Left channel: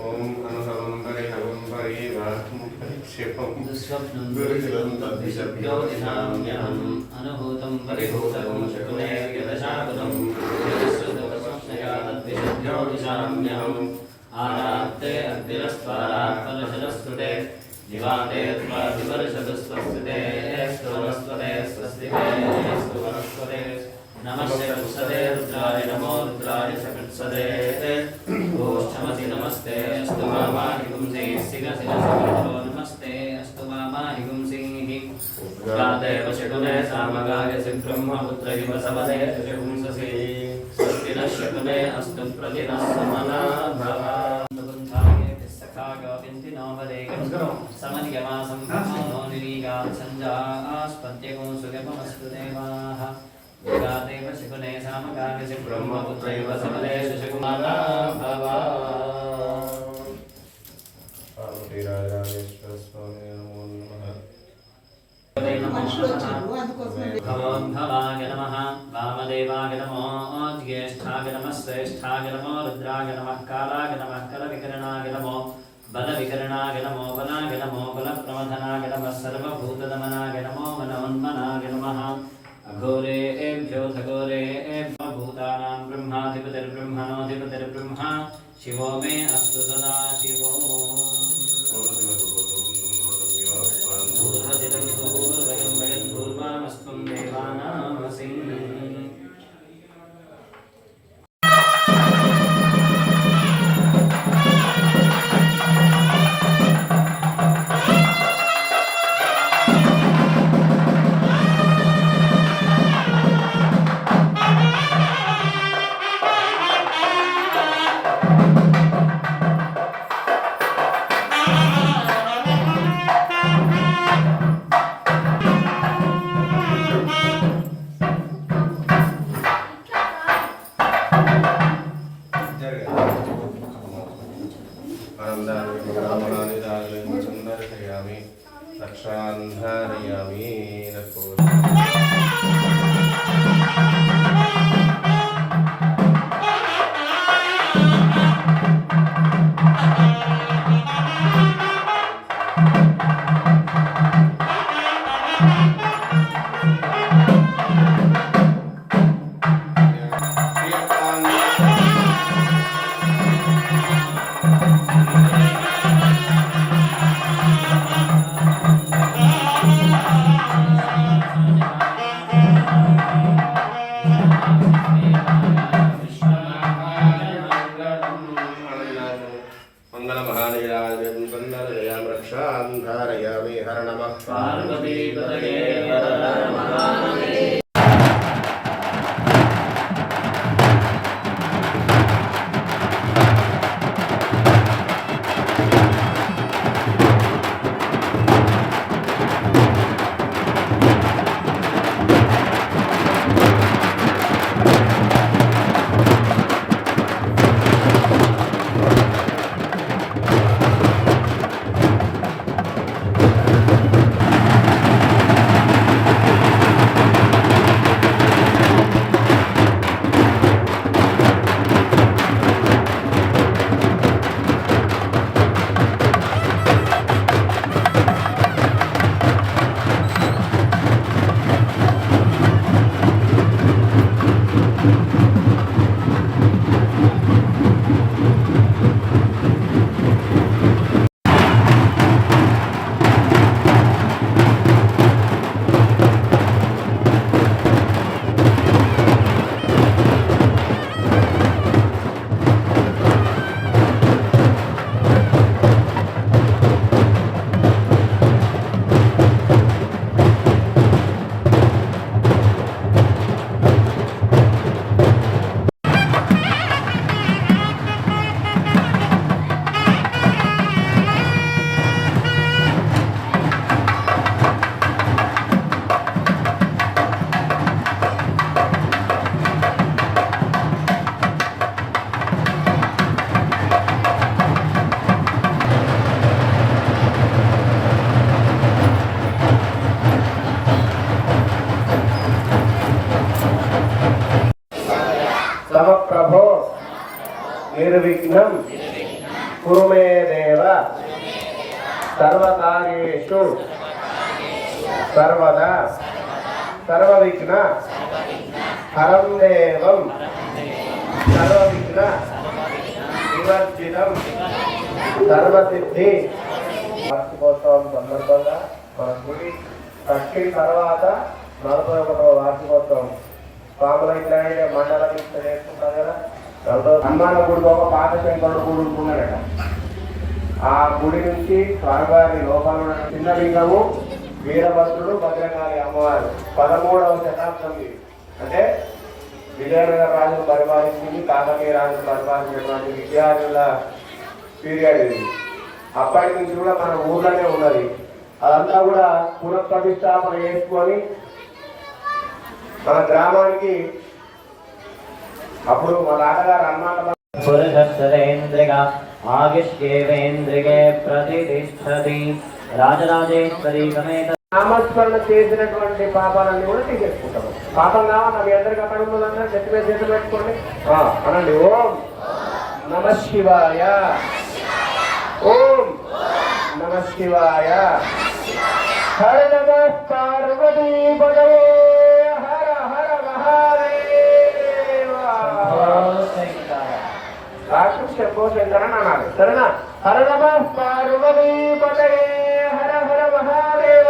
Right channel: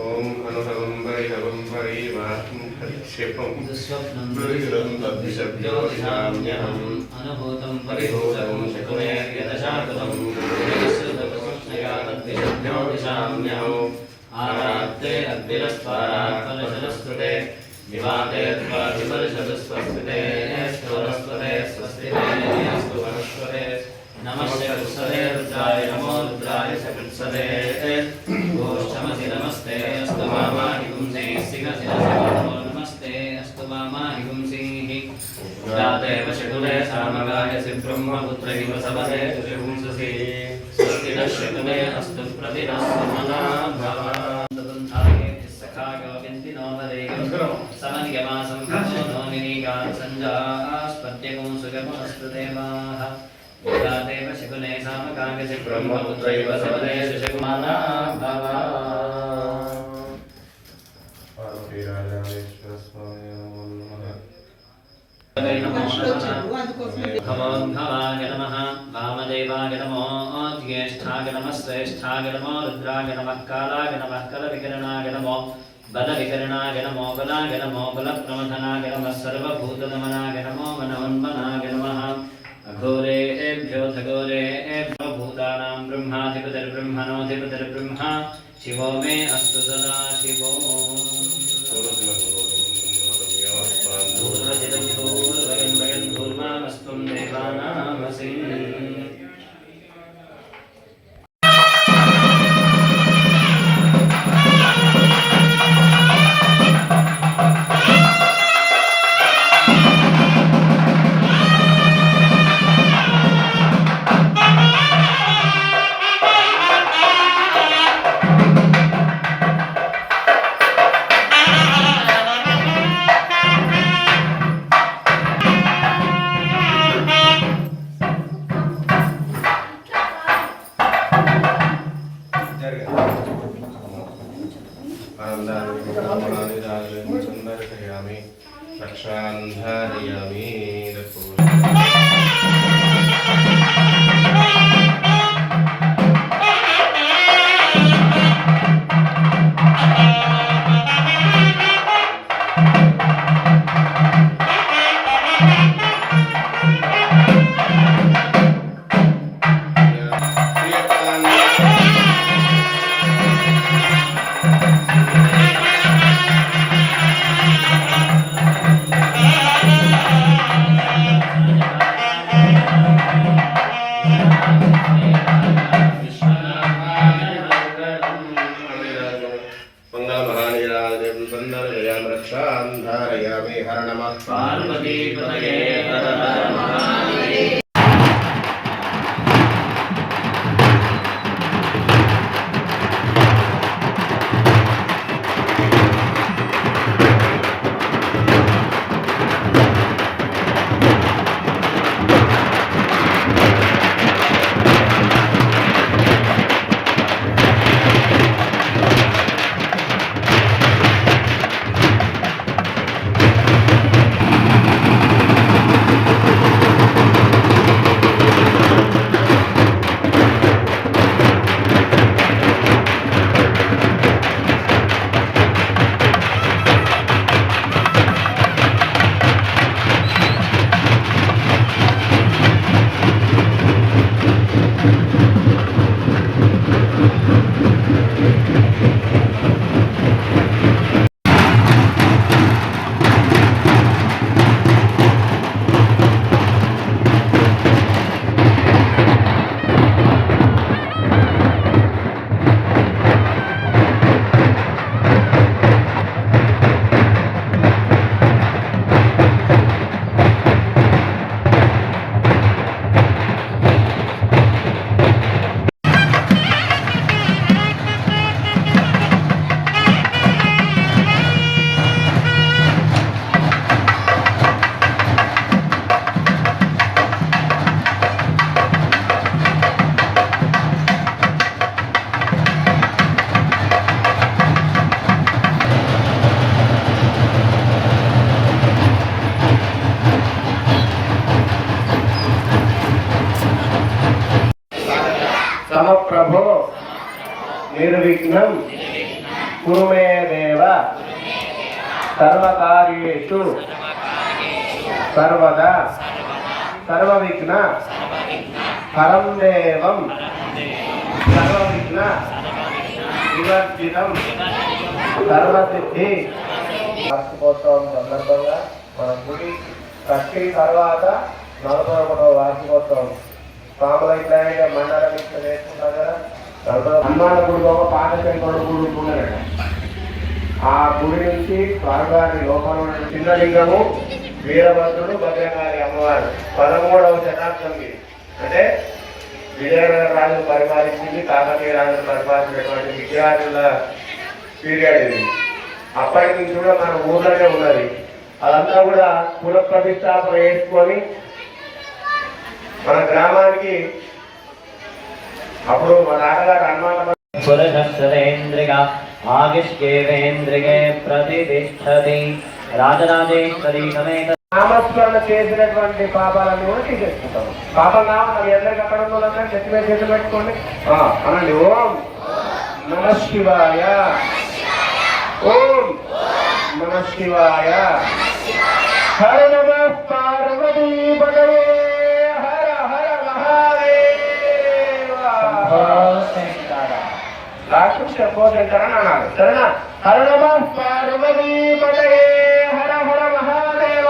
ఓం అనుహవం పరిహవం పరివాహం పరిక్షేపం దుస్వప్నం దురితం తద్విషభ్యోధినామ్యహం అనుభూతం పరిభూతం శకునే యదశాకులం యదశ్రుతస్వప్నయా తద్విషభ్యోధినామ్యహం ఆరాత్తే అద్విరస్వారాత్ ఫలశలస్తుతే వివాదే త్వాధిపరిషదస్వస్తితే స్తవరస్వతే స్వస్తితే అస్తు వరస్వతే నమస్తే కుత్సదే రుద్రాయ నమో రుద్రాయ సకృత్సదే ఓష్టమసి నమస్తే అస్తు మామాహి పుంసే సిగసిరసో నమస్తే అస్తు మామాహి పుంసే జాదేవ శకునే సామగాయసి బ్రహ్మపుత్ర ఇవ సవదే పుంససి స్వస్తి నశ్యకునే అస్తు ప్రతిరస్మనా భవ సఖా గోవింది నోవదేయం సమనియమాసం ఖమో నోనినీగాం సంజాస్పత్యగం సుగమస్పృతేవాః దేవ శకునే సామగాయసి బ్రహ్మపుత్ర ఇవ సవదే శకుమానా భవ భవం భవాయ నమః వామదేవాయ నమో జ్యేష్ఠాయ నమః శ్రేష్ఠాయ నమో రుద్రాయ నమః కాలాయ నమః కలవికరణాయ నమో బలవికరణాయ నమో బలాయ నమో బలప్రమథనాయ నమః సర్వభూతనమనాయ నమో మనమన్మనాయ నమః అఘోరేభ్యో ఘోరేభ్యో భూతానాం బ్రహ్మాధిపతిర్బ్రహ్మణోధిపతిర్బ్రహ్మ శివో మే అస్తు సదా శివో పూర్వజితం పూర్వయం వయం భూర్మామస్త్వం దేవానామసి రక్షాంధారయామి రక్షాంధారయామి హర నమః పార్వతీపతయే హర హర మహాదేవ सर्वदा सर्वविघ्न हरं देवं सर्वविघ्न विवर्जितं सर्वसिद्धि వార్షికోత్సవం సందర్భంగా మన గుడి కట్టి తర్వాత 41వ వార్షికోత్సవం స్వాముల ఇట్లా మండలం ఇట్లా నేర్చుకుంటాం కదా. హనుమాన గుడిలో ఒక పాత శంకరుడు గుడి ఉంటున్నారట. ఆ గుడి నుంచి స్వామివారి లోపల ఉన్న చిన్న లింగము వీరభద్రుడు భద్రకాళి అమ్మవారు 13వ శతాబ్దం. అంటే విజయనగర రాజులు పరిపాలించింది, కాకతీయ రాజులు పరిపాలించినటువంటి విద్యార్థుల పీరియడ్ ఇది. అప్పటి నుంచి కూడా మన ఊర్లోనే ఉన్నది. అదంతా కూడా పునఃప్రతిష్టాపన చేసుకొని మన గ్రామానికి అప్పుడు మా నాన్నగారు హనుమాన్ నామస్మరణ చేసినటువంటి పాపాలను కూడా తీసేసుకుంటాము. పాపంగా మరి అందరికి అక్కడ ఉన్న గట్టిగా చేతులు పెట్టుకోండి అనండి. ఓం నమ శివాయ, ఓం నమ శివాయ. హర నమ పార్వతీ పదవే, హర హర మహాదేవ. శంభో శంకర అన్నారు. సరేనా? హర నమ పార్వతీ పదవే, హర హర మహాదేవ.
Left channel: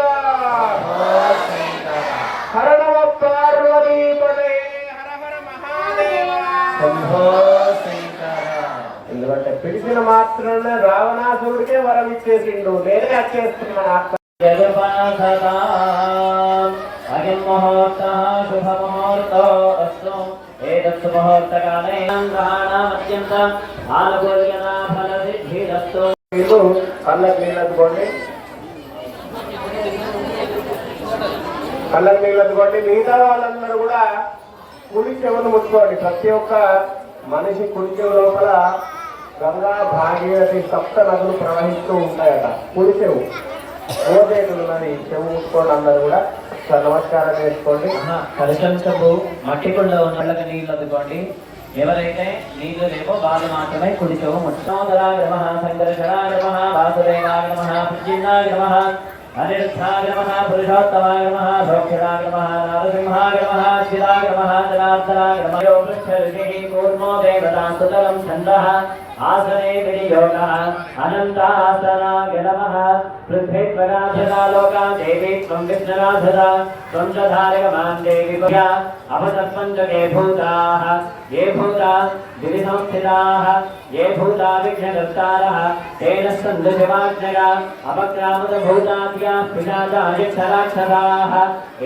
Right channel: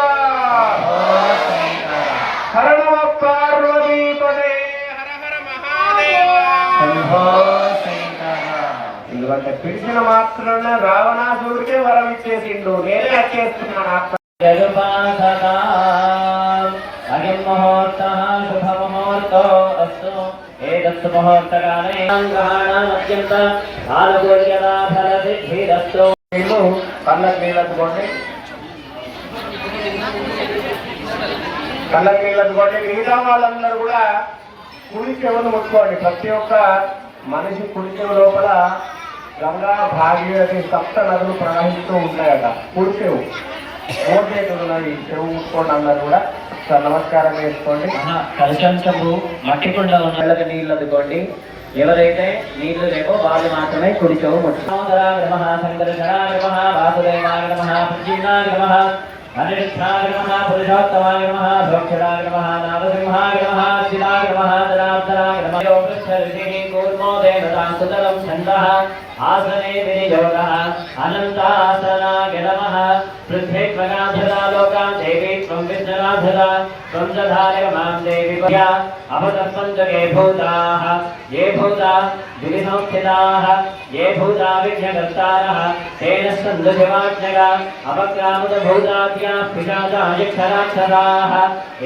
హర నమ పార్వతీ పదవే, హర హర మహాదేవ. ఎందుకంటే పిలిచిన మాత్రాన రావణాసురుడికే వరం ఇచ్చేసిండు. నేనే వచ్చేస్తున్నాను ఆత్మ. అగ్నిముహూర్త శుభముహూర్త అస్తు. ఏతస్తు ముహూర్తకాలే అత్యంత ఆనుకూల్యత ఫలసిద్ధిరస్తు. కళ్ళకు నీళ్ళనుకోండి, కళ్ళకు నీళ్ళనుకోండి. మిగతా వాళ్ళందరూ కూడా కుడి చెవులు ముట్టుకోండి. ప్రతి ఒక్క మనిషి కుడి చెవు లోపల గంగా భాగీరథి సప్త నదులు ప్రవహిస్తూ ఉంటాయట. కుడి చెవు ఓటేటున్నాయి. చెవు ముట్టుకోండి అందరు కూడా. నమస్కారం చేసుకోండి. కలశం చెంబు మట్టి కుండ ఉన్నళ్ళకి నీళ్ళు అందుకోండి. ఎవరైతే నీళ్లు లేవో వాళ్ళు మాత్రమే కుడి చెవు ముట్టుకోండి. శంకర వాసుదేవాయ నమః, ప్రజీనాయ నమః, అనిరుద్ధాయ నమః, పురుషోత్తమాయ నమః, భోక్షరాయ నమః, నారసింహాయ నమః, శిలాయ నమః, జనార్దనాయ నమః. కూర్మో దేవతాం సుతరం ఛందః ఆసనే వినియోగః అనంతాసనాయ నమః. పృథ్వీ ప్రగాధరా లోకా దేవి త్వం విష్ణురాధరా త్వం దధాయ మాం దేవి అవతస్పంచ ఏ భూతాః ఏ భూతా దివి సంస్థితాః ఏ భూతా విఘ్నకర్తారః తేన స్కంద శివాజ్ఞగా అవక్రామత భూతాభ్యాః పిశాచాయక్షరాక్షరాః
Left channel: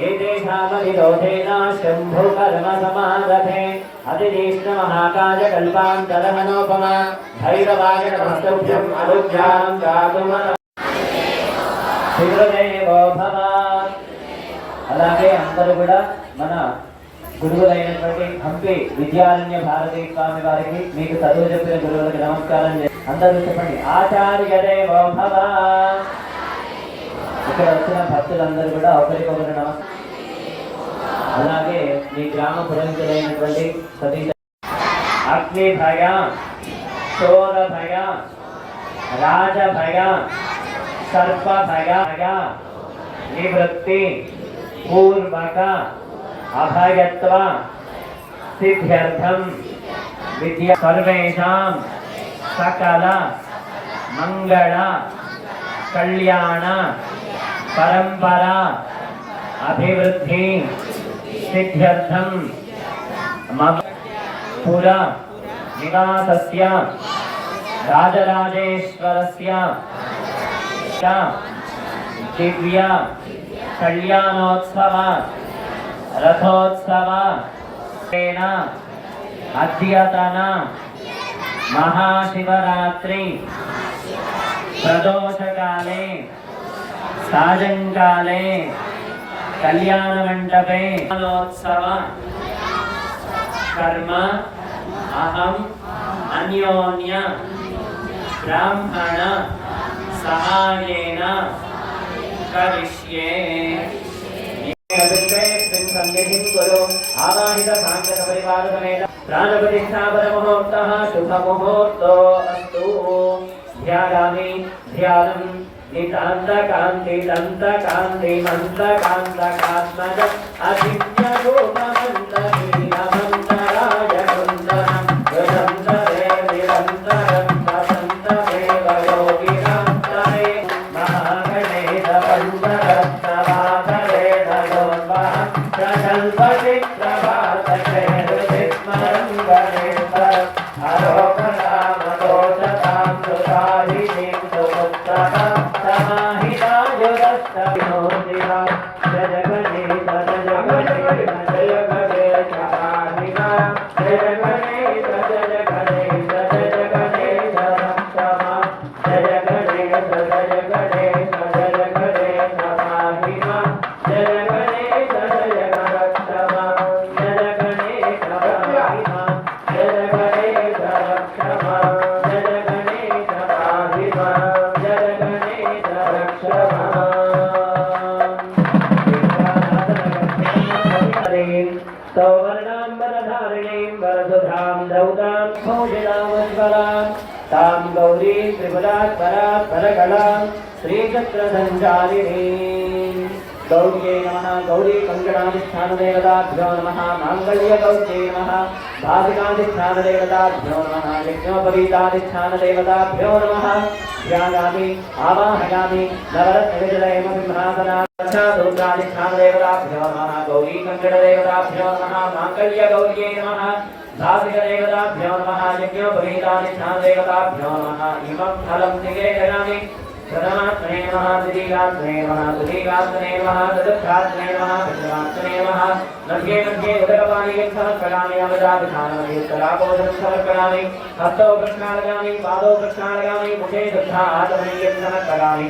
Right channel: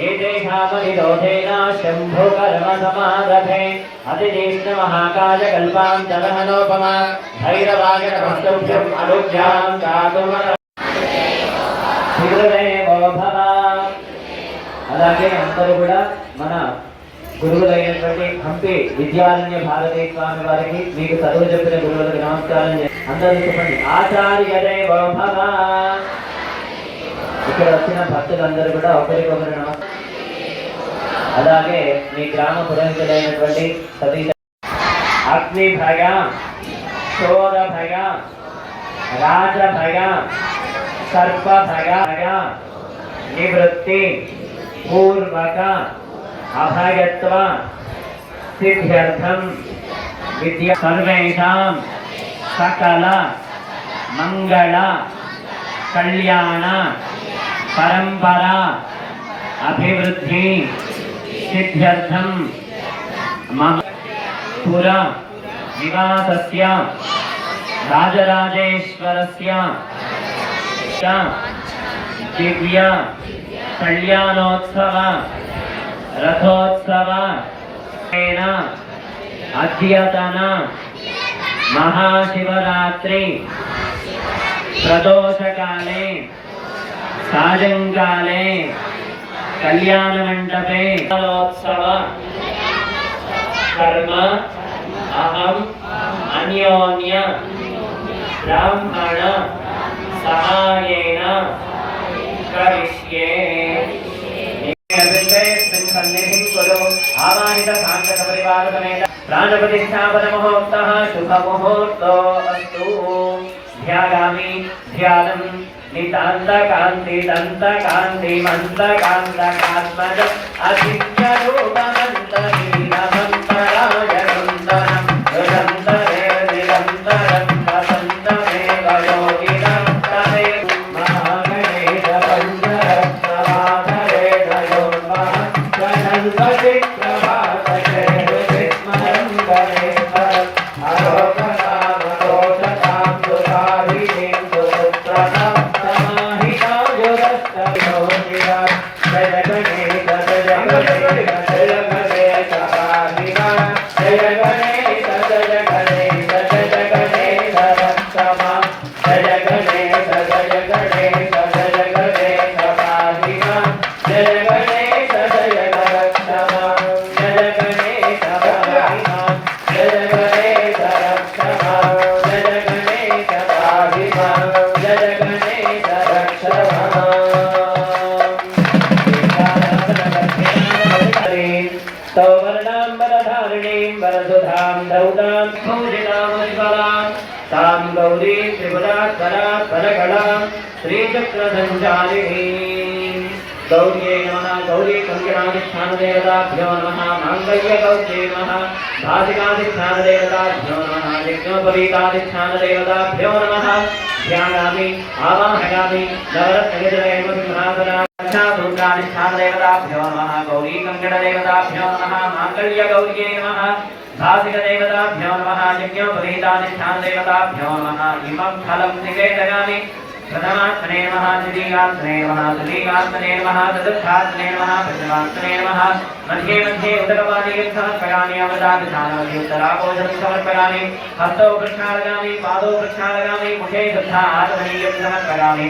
ఏతేషామనిరోధేన శంభో కర్మ సమారభే అతిజీష్ణ మహాకాయ కల్పాంతరహనోపమ భైరవాయ నమస్తుభ్యం అనుజ్ఞాం కాకుమత శివదేవో భవ. అలాగే అందరూ కూడా మన గురువులైనటువంటి హంపి విద్యారణ్య భారతీ స్వామి వారికి, మీకు చదువు చెప్పిన గురువులకు నమస్కారం. అందరూ చెప్పండి ఆచార్య దేవో భవ. ఇక్కడ వచ్చిన భక్తులందరూ కూడా ఒకరికొకరు నమస్కారం. అలాగే మీ గ్రామ పురోహితులైనటువంటి సతీష్ అగ్నిభయ, చోరభయ, రాజభయ, సర్పభయ నివృత్తి పూర్వక అభయత్వ సిద్ధ్యర్థం విద్యా సర్వేషాం సకల మంగళ కళ్యాణ పరంపర అభివృద్ధి సిద్ధ్యర్థం మమ పుర నివాసస్య రాజరాజేశ్వరస్య దివ్య కళ్యాణోత్సవ రథోత్సవ అద్యతన మహాశివరాత్రి ప్రదోషకాలే సాయంకాలే కళ్యాణ మండపే ఉత్సవ కర్మ అహం అన్యోన్య బ్రాహ్మణ సహాయేన కరిష్యే. ఆవాహిత సాంగత పరివార సమేత ప్రాణప్రతిష్ఠాపన ముహూర్తః శుభ ముహూర్తో అస్తు. ధ్యాయామి ధ్యానం నితాంత కాంతి దంత కాంతి మంత కాంత కాత్మజ అచింత రూపమంత నీలమంతరాయ కుందనం నిరంతరే నిరంతరం వసంతమేవ యోగినం తమేవ మహాగణేశ పంచరత్నవాదరేణ యోన్మః సనంతసి ప్రభాతకే విస్మరం గణేశ్వరం అరోగణామ దోషకాం సుధారిణీం సుపుత్రకాం तां गौरी त्रिपुरात्परात्परकलां श्रीचक्रसञ्चारिणी गौर्यै नमः गौरी कङ्कणाधिष्ठानदेवताभ्यो नमः माङ्गल्यगौर्यै नमः भासिकाधिष्ठानदेवताभ्यो नमः यज्ञोपवीताधिष्ठानदेवताभ्यो नमः ध्यायामि आवाहयामि नवरत्नविजयमसिंहासना दुर्गाधिष्ठानदेवताभ्यो नमः गौरी कङ्कणदेवताभ्यो नमः माङ्गल्यगौर्यै नमः भासिकदेवताभ्यो नमः यज्ञोपवीताधिष्ठानदेवताभ्यो नमः इमं फलं निवेदयामि प्रथमात्मने नमः द्वितीयात्मने नमः तृतीयात्मने नमः चतुर्थात्मने नमः पञ्चमात्मने नमः मध्ये मध्ये उदकपानीयं समर्पयामि अमृताभिधानमधि उत्तराभोजनं समर्पयामि हस्तौ प्रक्षालयामि पादौ प्रक्षालयामि मुखे शुद्धा आत्मनीयं समर्पयामि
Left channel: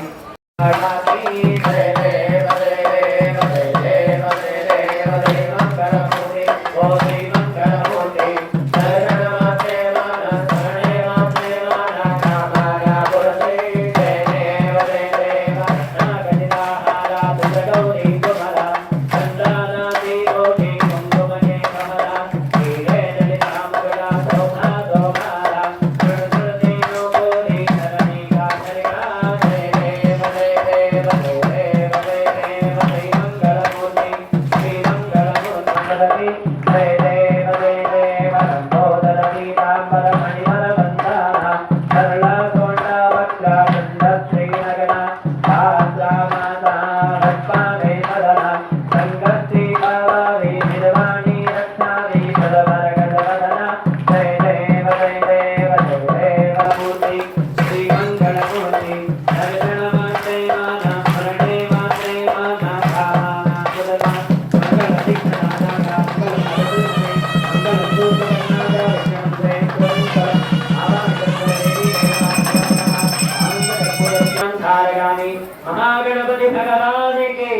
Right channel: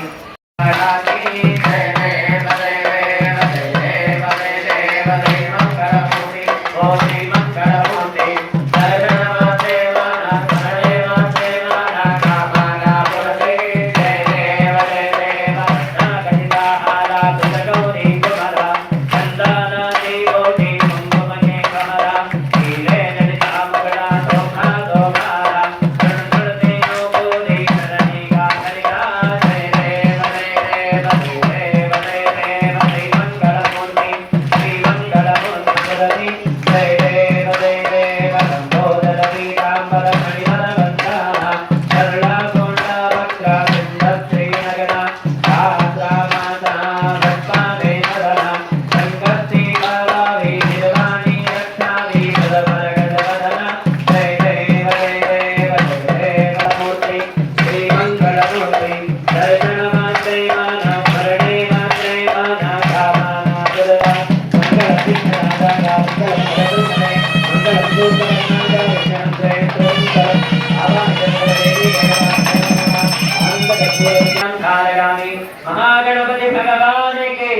महागणपति भगवान के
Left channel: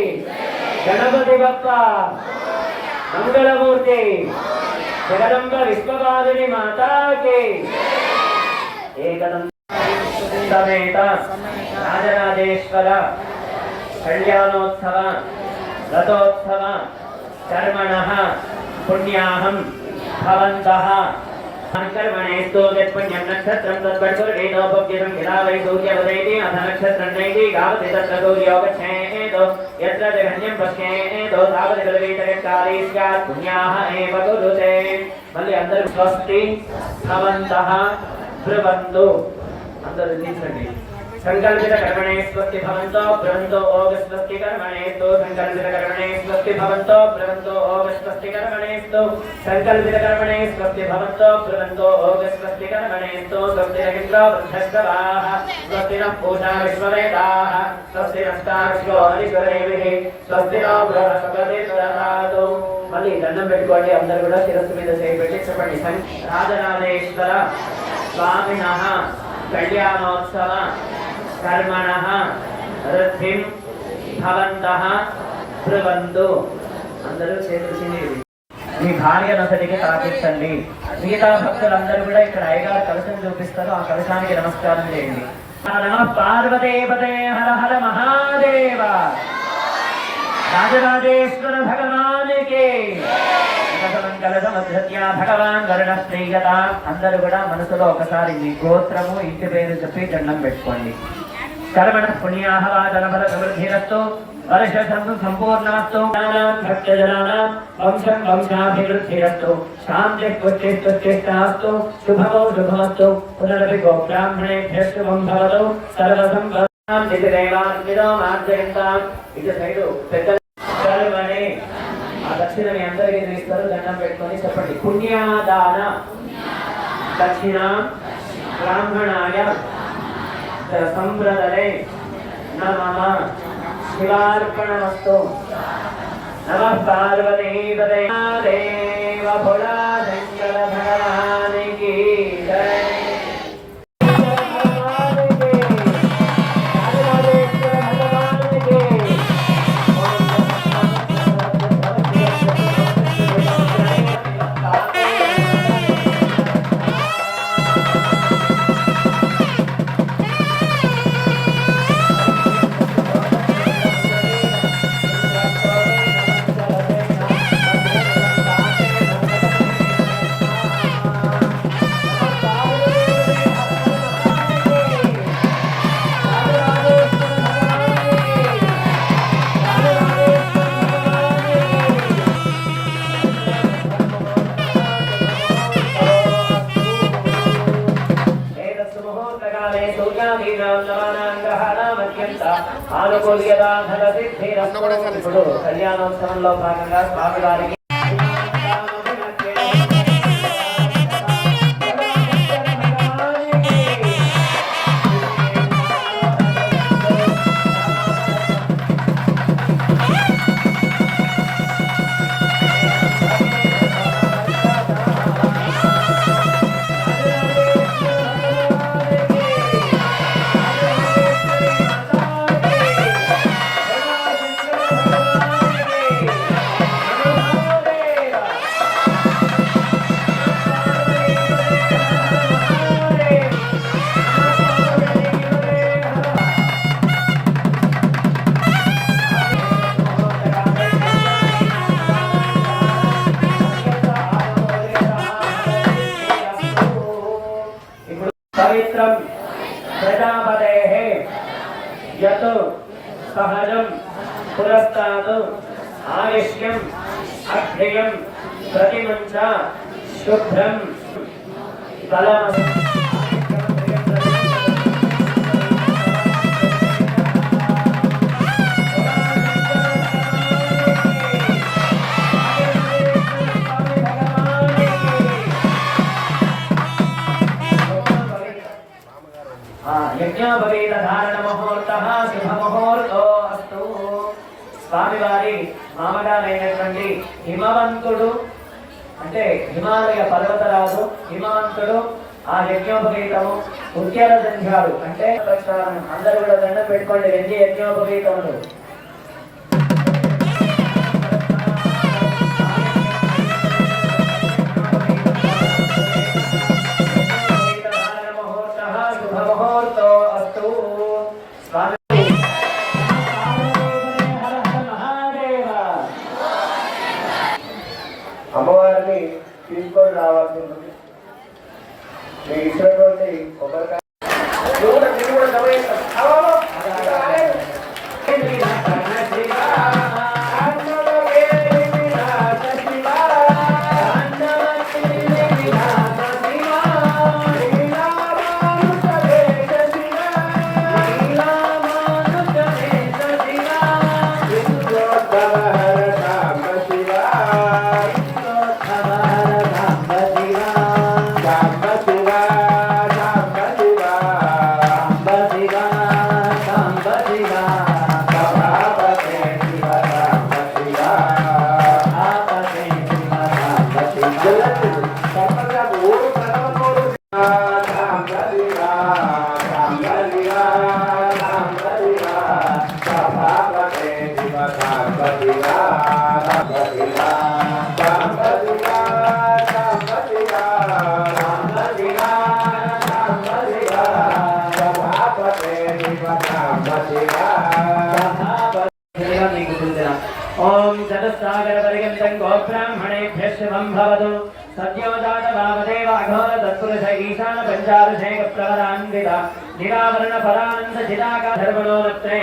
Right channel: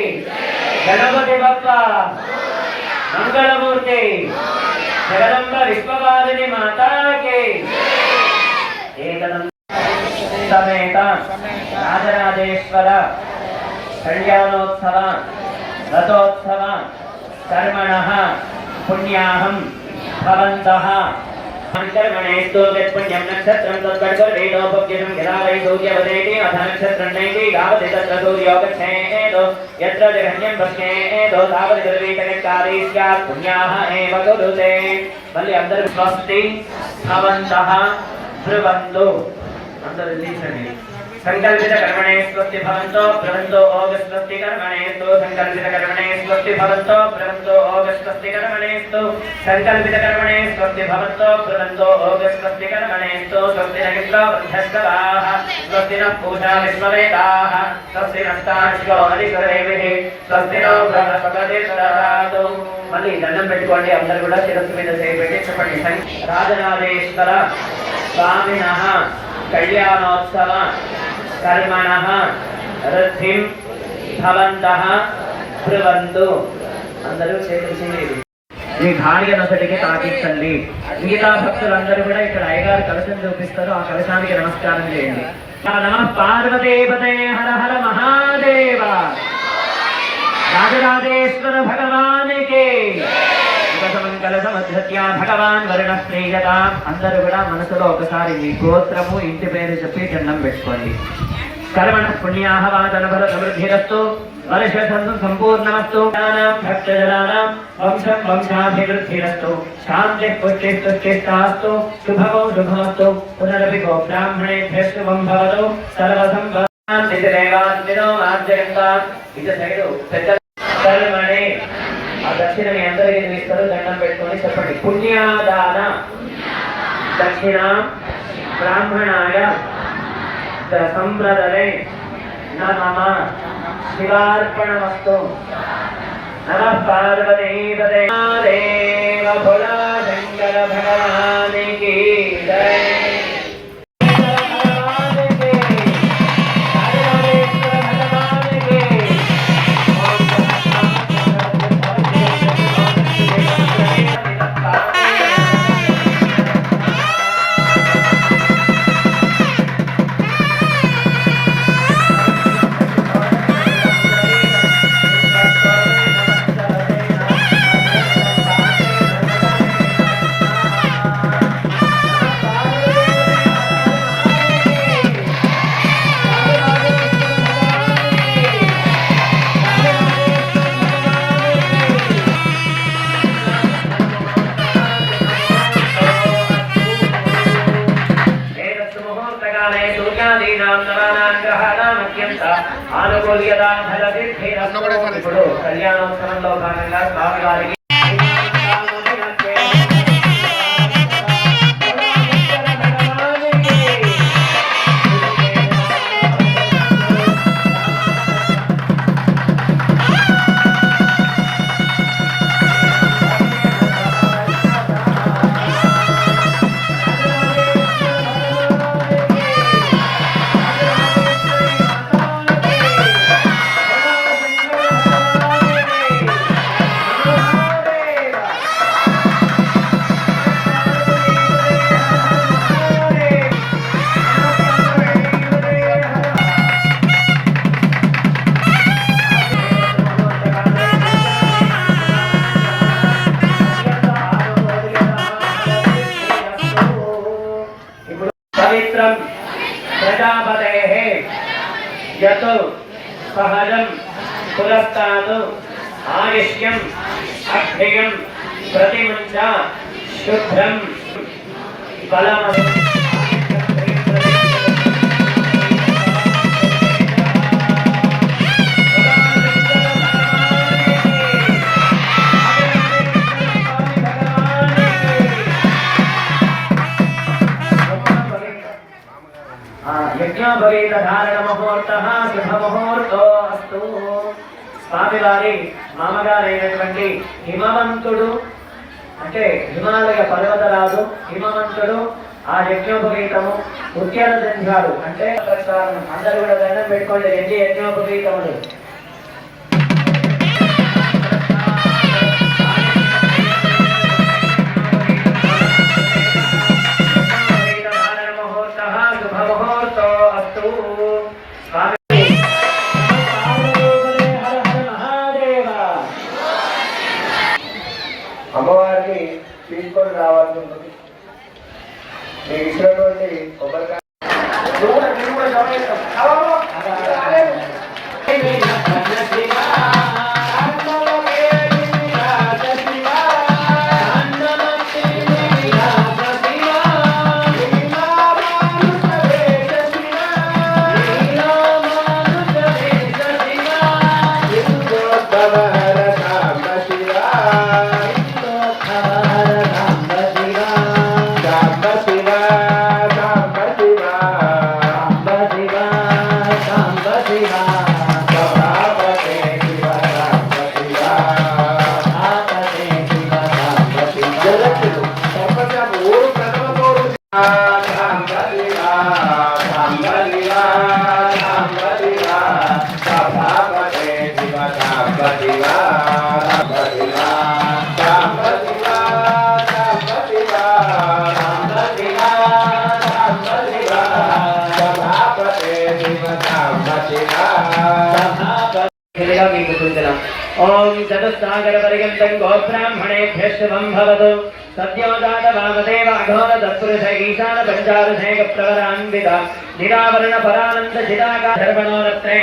गणपति बप्पा मंगलमूर्ति जगदम्ब विश्ववादिनी माता के समेत राजराजेश्वर कल्याणोत्सव रथोत्सव कर्मणः पुण्याहं भवन्तः कर्मणेस्तु यत्पुण्यं नक्षत्रं तत्कर्तुर्वेदोपज्ञं यदा वै सूर्यवदेति अथ नक्षत्रं नेति यावति तत्र सूर्यो गच्छेत् यत्र जघन्यं पश्येत् तावति सर्वैतयकारि स्यात् पुण्याः एव कुरुते मल्लि अंदर स्वस्ति भवन्तः ब्रुवन्तु अंदर निल्चंడి संकल्पित कर्मणे स्वस्ति भवन्तो ब्रुवन्तो ओम स्वस्ति कर्मणेस्तु संकल्पित कर्मणे स्वस्ति भवन्तो ब्रुवन्तो ओम स्वस्ति कर्मणेस्तु संकल्पित कर्मणे स्वस्ति भवन्तो ब्रुवन्तो ओम स्वस्ति कर्मणेस्तु स्वस्ति नगिन्द्रो बन्धस्कराः स्वस्ति नः पूषा विश्ववेदाः स्वस्ति नस्ताश्वो हरिश्वरेभिः स्वस्ति नो बृहस्पतिः ददातु మళ్ళీ దండం పెట్టుకోండి అందరూ కూడా శిరస్సు మీద చేపెట్టి చెప్పండి రాజరాజేశ్వర స్వామినః కళ్యాణోత్సవ కర్మణః రుద్ధిం భవంతః బ్రువంతు అందరూ చేసి మీ భార్య నొసటికి తాకించండి మిగతా భక్తులందరూ కూడా ఇక్కడ అయ్యగారు కలశం చూపిస్తారు ఆ కలశానికి నమస్కారం చేయండి నమః పార్వతీపతే హర హర మహాదేవ राजराजेश्वर भगवान के మంగళ సమధ్యత్య భగవాన్ వరుణ ప్రియతాం అందరూ కూడా మనసులో ఒకసారి మీ గోత్రము ఇంటి పేరు చెప్పి దండం పెట్టుకోండి कर्मण पुण्याः वाचनफल समृद्धिरस्तु वर्षसन्तु सम्पूर्णमस्तु भक्तजनानां वंशं वंशाभिवृद्धिरस्तु शान्तिः पुष्टिः तुष्टिष्ठास्तु शुभमो शुभमस्तु पुनरपि गो ब्राह्मणेभ्यः शुभं भवतु सर्वसंपदान्तिदेवान्तिनो मार्जयन्ताम् इति सैडु कर्मणे ఆ దక్షిణ మీ అందరికీ ఇస్తారు దండం పెట్టుకొని చెప్పండి పుణ్యాదాన దక్షిణ బ్రాహ్మణాయ సంప్రదనే నమః శివార్పణమస్తు నమః పార్వతీపదే దేవ భోళా శంకర భగవానికి జై ఇప్పుడు కళ్యాణోత్సవంలో భాగంగా స్వామివారికి పవిత్రం ప్రజాపతేః యత్ సహజం పురస్తాత్ ఆయుష్యం అభ్యయం ప్రతిమంచ శుభ్రం బలం యజ్ఞోపవీత ధారణ ముహూర్తః శుభ ముహూర్తో అస్తు. స్వామివారి మామగారైనటువంటి హిమవంతుడు అంటే హిమాలయ పర్వతరాజు హిమవంతుడు ఆ యజ్ఞోపవీతము ఉద్యాన సంధ్యాలు అంటే అందరూ కూడా దండం పెట్టుకోండి ఎన్ని యజ్ఞోపవీతములు అమ్మవారిని తీసుకొని రావాల్సి ఉంటుంది. మీకు ఇచ్చినటువంటి కొబ్బరికాయ ఓం చతుస్సాగర పర్యంతం గోబ్రాహ్మణేభ్యః శుభం భవతు. सद्योजात वामदेव अघोर तत्पुरुष ईशान पंचादशैक प्रवरान्वित निरावरण परानंद जिताका धर्मणो रत्ने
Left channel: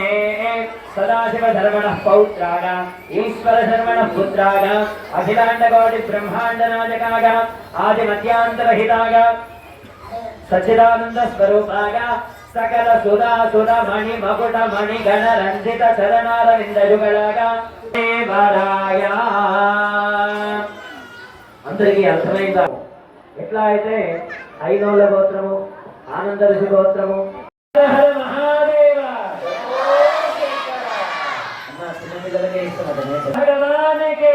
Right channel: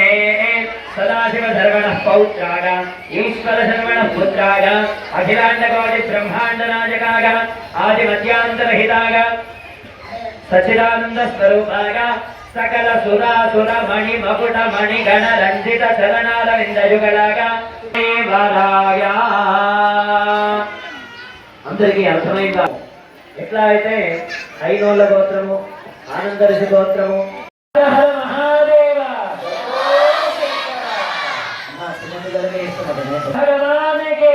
सदाशिव धर्मणः पौत्राग ईश्वर धर्मणः पुत्राग अखिलांड कोटि ब्रह्मांड नायकाग आदि मध्यांतरहिताग सच्चिदानंद स्वरूपाग सकल सुरा सुर मणि मकुट मणि गण रंजित चरणारविंद युगलाग देवराय అందరికీ అర్థమైందా? ఎట్లా అయితే ఐనోళ్ళ గోత్రము, ఆనంద ఋషి గోత్రము, హర మహాదేవ చిన్నపిల్లలకే ఇస్తున్నారు భగవానికి,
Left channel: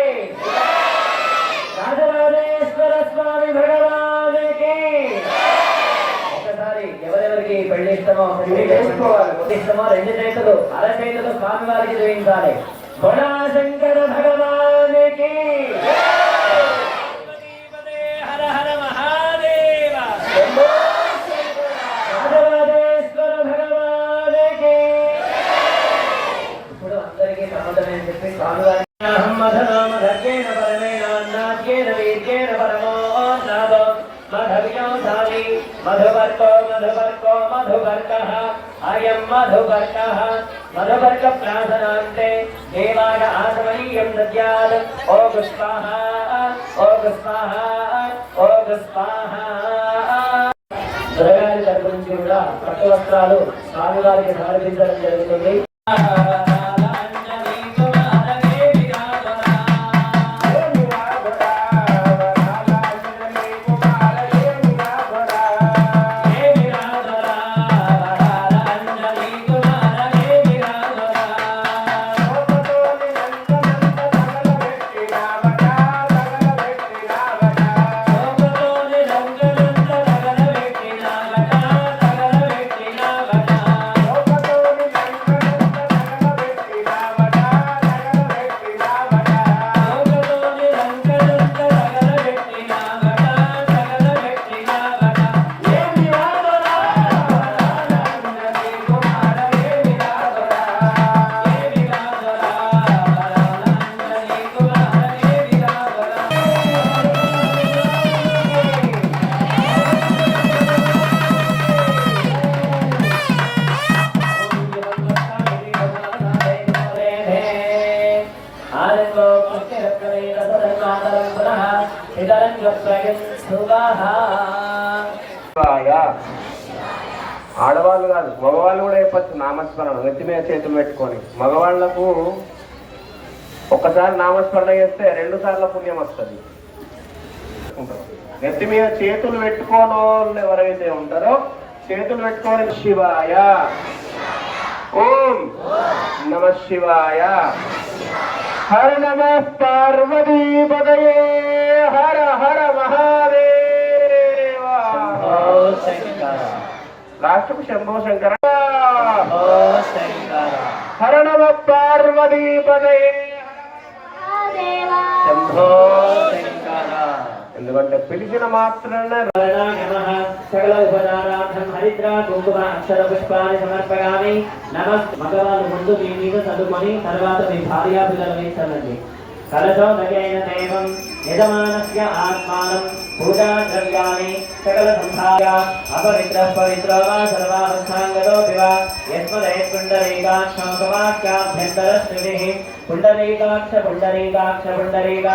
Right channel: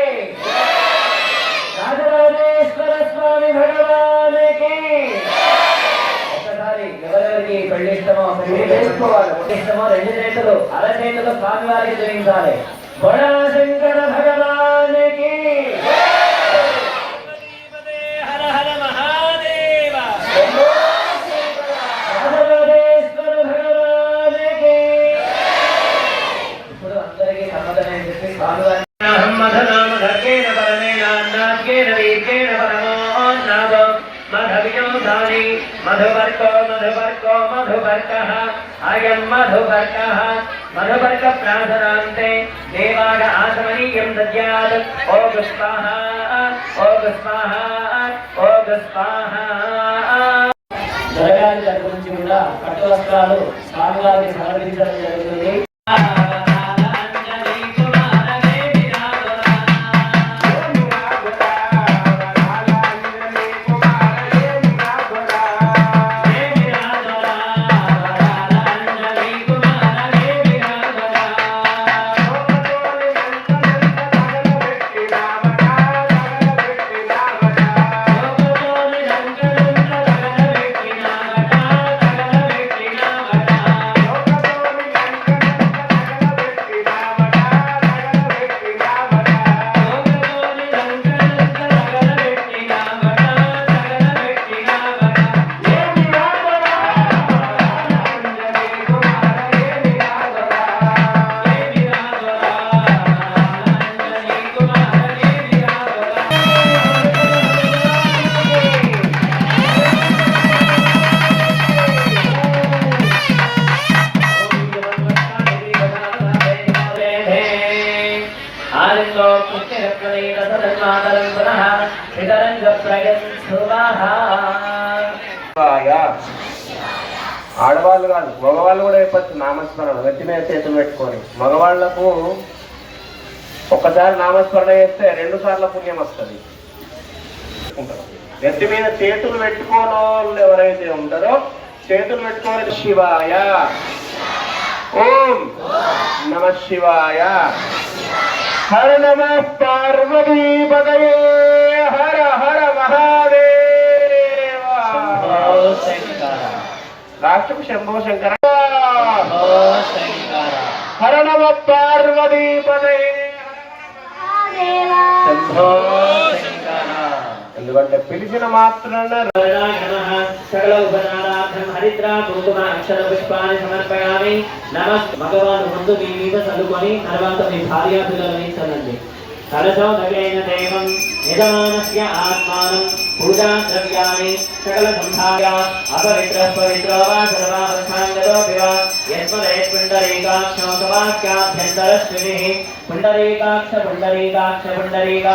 రాజరాజేశ్వర స్వామి భగవానికి. ఒకసారి ఎవరెవరికి పెళ్లి ఇష్టమో ఇష్టమో రెండు చేతులు అరచేతులు స్వామి వారికి జయించాలి. బడా శంకర భగవానికి, मधुवर्को मधुवर्को मधुवर्कः अयं मधुवर्कः मधुवर्क प्रार्थनान्ते देवाग आसमनीयं दद्यात् ओम स्वाहा ओम स्वाहा ओम स्वाहा. ద్రవ్యాల తరపు నుంచి కూడా పట్టు వస్త్రాలు స్వామివారికి సమర్పించడం జరుగుతుంది. ఆడవాళ్ళు కాదు, మగవాళ్ళు కూడా చెప్పచ్చు నామస్మరణ. నెత్తి మీద చేతులు పెట్టుకొని మగవాళ్లకు ఒక్కసారి నామస్మరణ చేస్తే 2 సార్లు పుణ్యం వస్తుంది. నెత్తి మీద చేతులు పెట్టుకోని వాళ్ళు ఎవరైతే ఉంటారో చేతులు పెట్టుకోని శివాయ ఓం నమ శివాయ హర నమ పార్వతీపతయే హర హర మహాదేవ రాష్ట్రం శంభో శంకర హర నమ పార్వతీపతయే శంభో శంకర. ఎందుకంటే పిలిచిన మాత్రాన భగవాన్ ముందు మీ మీద చదువుకొని తర్వాత మీ భార్య పిల్లలని చదండి. కలశో దగేన దైవం యజమానస్య ఆత్మానం పూజా ద్రవ్యాన్ని సకల సంభార్య అపవిత్ర పవిత్ర వా సర్వావస్థాంగతో వివా యస్మరేత్ పుండరీకాక్ష వాక్యాభ్యంతర శ్రీః పుండరీకాక్ష పుండరీకాక్ష పుండరీకా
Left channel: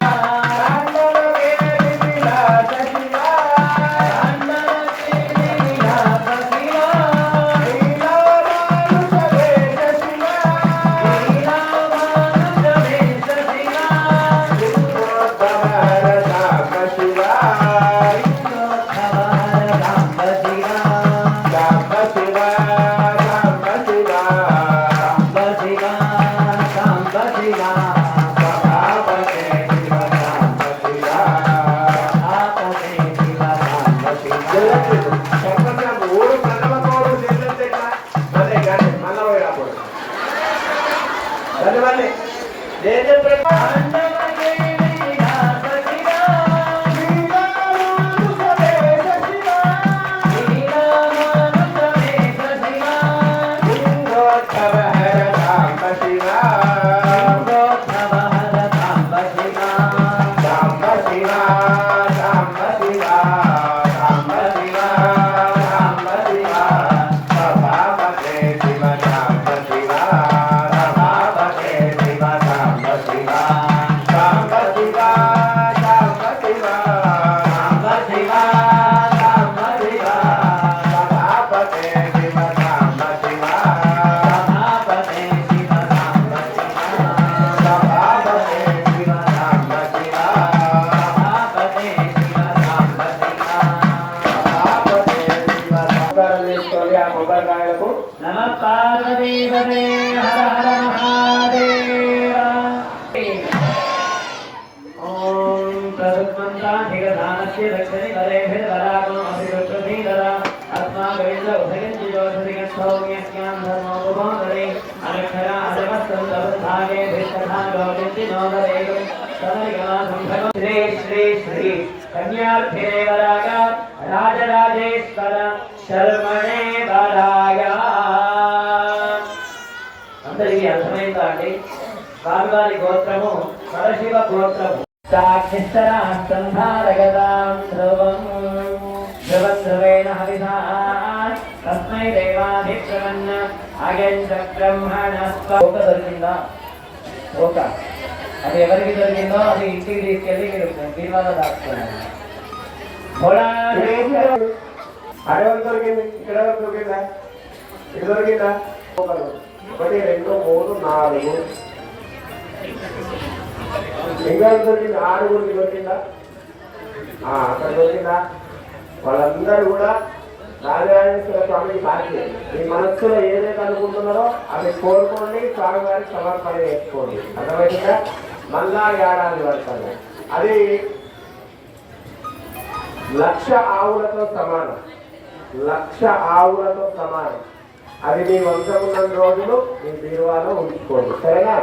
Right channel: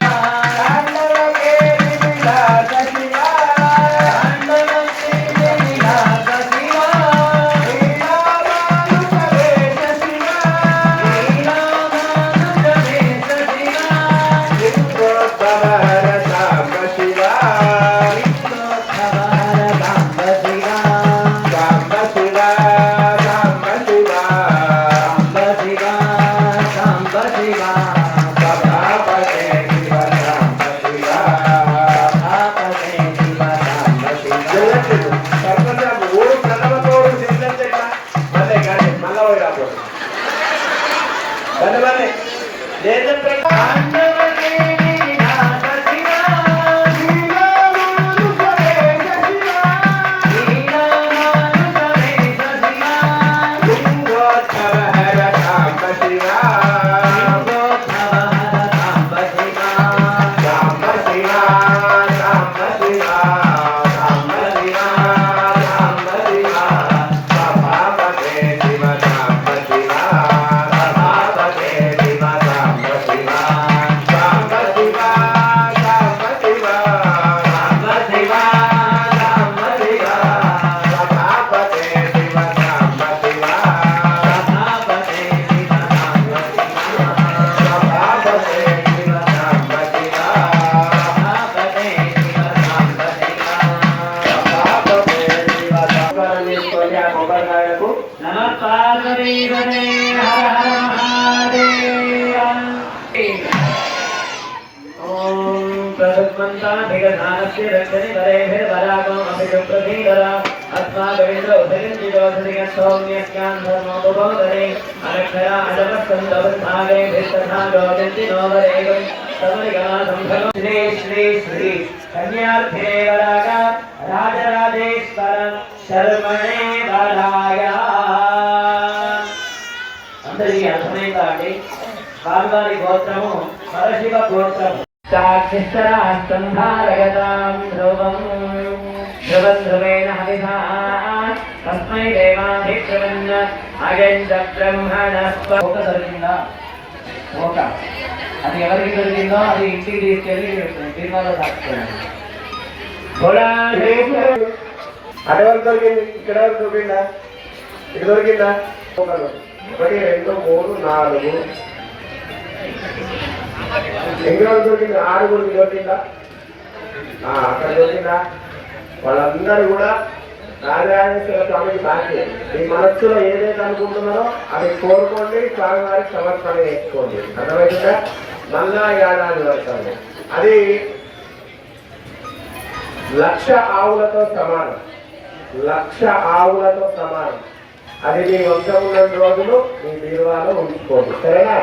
ఓం ప్రసన్నంతాభిగధానస్య రక్షణి వరేభిర్వరాగం అభిరుద్ధీవర अस्माकविन्द्र उदयन्तिजोधरिक सौम्यस्यां धर्मोपभोगरे अनक्षरा अजमस्तुन्दवृद्धागे भिस्तथा योजन्ति नोवरेगं समरिगमासंभवं श्री श्री श्री कन्यार्थे वरागा राजराजेश्वर शर्मणे वरागा అందరికీ అర్థమైందా అండి స్వామివారి గోత్రము పరశివ గోత్రము సాక్షిస్తరా సంధారగతాం ధ్రువం ధ్రువేణ హవిధా తస్మై దేవాధిష్ఠవన్న అగంత బ్రహ్మణస్వ ఒక దొరికిందా ఒక అది ఎవరికి దొరికిందో అది ఇంటికి తీసుకెళ్ళి దీనివల్ల దాచుకోండి అడవి దొరికింది, ఇక్కడ దొరికిందా, ఇది దొరికిందా? 1 2 3 4 ఇంకా దొరికింది, 6 దొరికిందా? అక్కడ దొరికిందా? వాళ్ళందరూ కూడా రాజరాజేశ్వర స్వామికి సాక్షి. మీ మనస్సులో ఏదైతే అనుకుంటున్నారో అది కోరుకోండి, స్వామివారికి సమర్పణ చేసుకోండి. అర్థమైందా? మళ్ళా ఏడాది వరకు అది 1,00,000 ఆవులతో సమానం. 1,00,000 ఆవులతో సమానం. అది మీ వంశం ఉన్న రోజులు మీ బీరువాలో ఉంచుకోండి. సరేనా?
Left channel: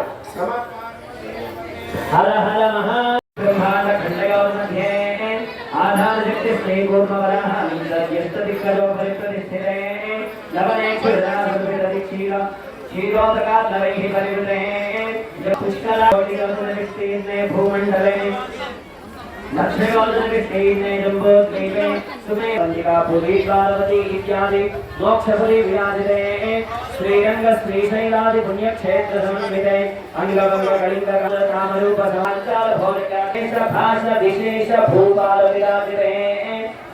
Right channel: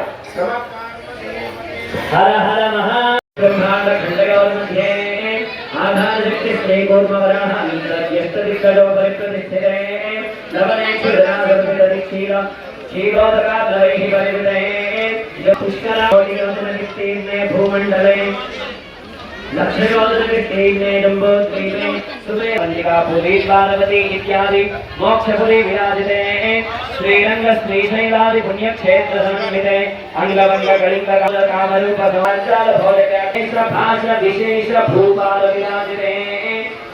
హర హర మహా బ్రహ్మాండ ఖండగౌర్మధ్యే ఆధారశక్తి శ్రీ కూర్మవరాహ యస్తదిక్కడో పరిప్రతిష్ఠితే లవనే క్షీర క్షీరోదకాద్వైః పరివిదే పుష్కరావతిగమననిష్ఠీర్ణే భూమండలే लक्ष्मीवादने जम्बोद्वीपे सुमे वल्लिकापुरी द्वारवती इत्यादि मोक्षपुरी विराजिते श्रीरंग श्रीशैलादि पुण्यक्षेत्र संविते अंगवंग कलिंग कामरूप समाचार भोजकेन्द्र भाषा विशेष भूपाल विराजिते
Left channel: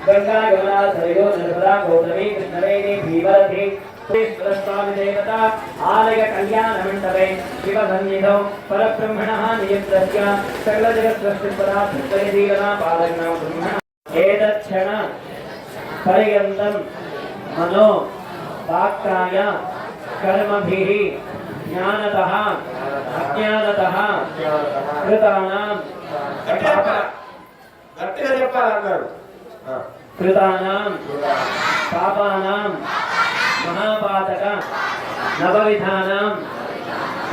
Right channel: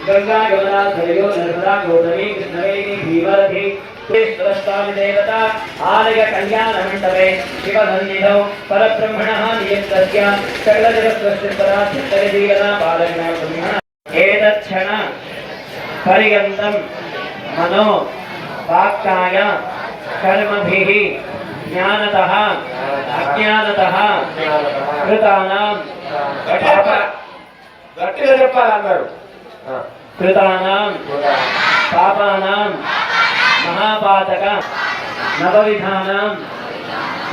गंगा यमुना सरयू नर्मदा गोदावरी कृष्णवेणी भीमरथी स्वामी देवता आलय कल्याण मंडपे शिवसन्निधौ परब्रह्मणः नियत्रस्य सकलजगत्सृष्टिपदार्थदीवना पालना ब्रह्मण एतच्छण पर्यन्तं मनो वाक्काय कर्मभिः ज्ञानतः अज्ञानतः कृतानां గట్టిగా చెప్పాలన్నారు. कृतानां पापानां महापातक नवविधानां